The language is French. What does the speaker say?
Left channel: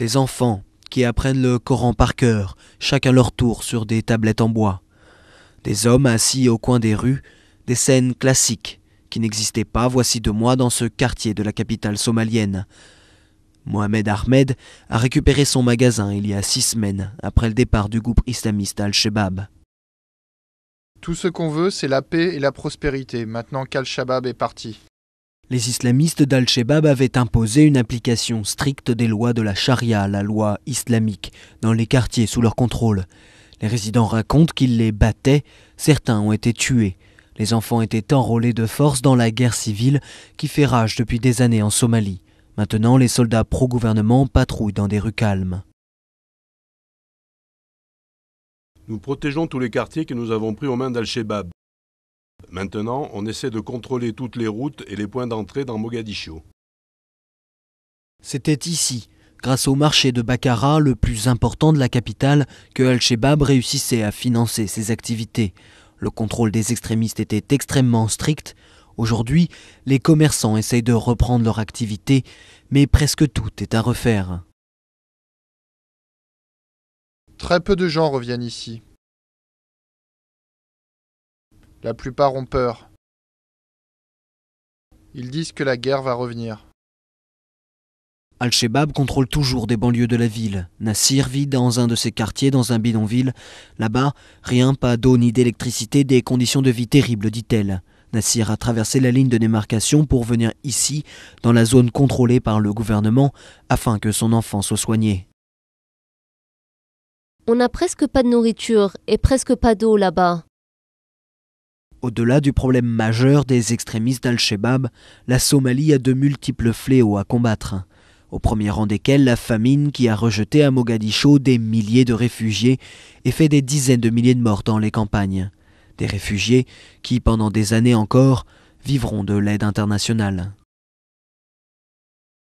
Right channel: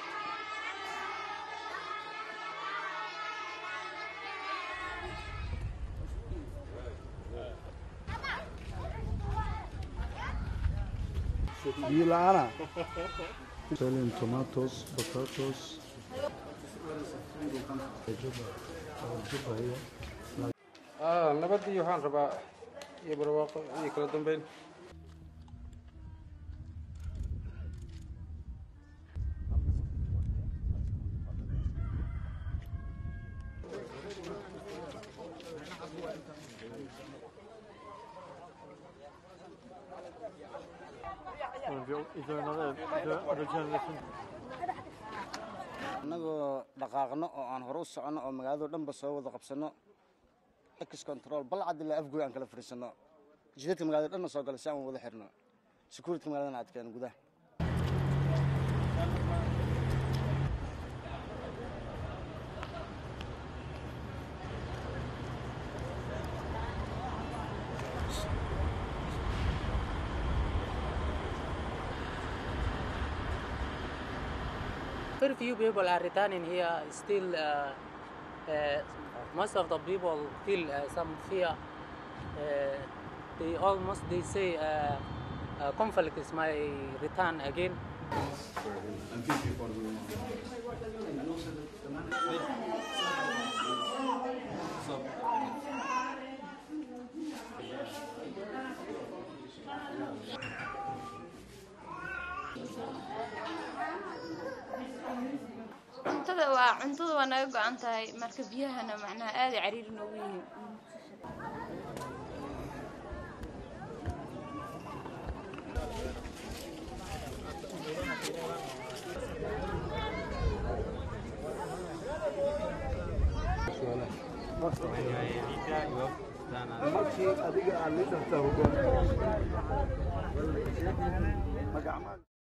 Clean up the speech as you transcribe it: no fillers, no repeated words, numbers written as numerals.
Des enfants qui apprennent le Coran par cœur, chacun leur tour sur des tablettes en bois. Des hommes assis au coin des rues, des scènes classiques qui n'existaient pas voici 2 mois dans ce quartier de la capitale somalienne. Mohamed Ahmed a récupéré son magasin il y a 6 semaines après le départ du groupe islamiste Al-Shabaab. Tout ce qu'on veut, c'est la paix et la prospérité, maintenant qu'Al-Shabaab est parti. Les islamistes d'Al-Shabaab avaient imposé une application stricte des lois de la charia, la loi islamique, dans les quartiers sous leur contrôle. Les résidents racontent qu'ils les battaient, certains ont été tués. Les enfants étaient enrôlés de force dans la guerre civile qui fait rage depuis des années en Somalie. Maintenant, les soldats pro-gouvernement patrouillent dans des rues calmes. Nous protégeons tous les quartiers que nous avons pris aux mains d'Al-Shabaab. Maintenant, on essaie de contrôler toutes les routes et les points d'entrée dans Mogadiscio. C'était ici, grâce au marché de Bakara, le plus important de la capitale, que Al-Shabaab réussissait à financer ses activités. Le contrôle des extrémistes était extrêmement strict. Aujourd'hui, les commerçants essayent de reprendre leur activité, mais presque tout est à refaire. Très peu de gens reviennent ici. La plupart ont peur. Ils disent que la guerre va revenir. Al-Shabaab contrôle toujours des banlieues de la ville. Nassir vit dans un de ses quartiers, dans un bidonville. Là-bas, rien, pas d'eau ni d'électricité, des conditions de vie terribles, dit-elle. Nassir a traversé la ligne de démarcation pour venir ici, dans la zone contrôlée par le gouvernement, afin que son enfant soit soigné. On n'a presque pas de nourriture et presque pas d'eau là-bas. Au-delà du problème majeur des extrémistes d'Al-Shabaab, la Somalie a de multiples fléaux à combattre. Au premier rang desquels la famine qui a rejeté à Mogadiscio des milliers de réfugiés et fait des dizaines de milliers de morts dans les campagnes. Des réfugiés qui, pendant des années encore, vivront de l'aide internationale.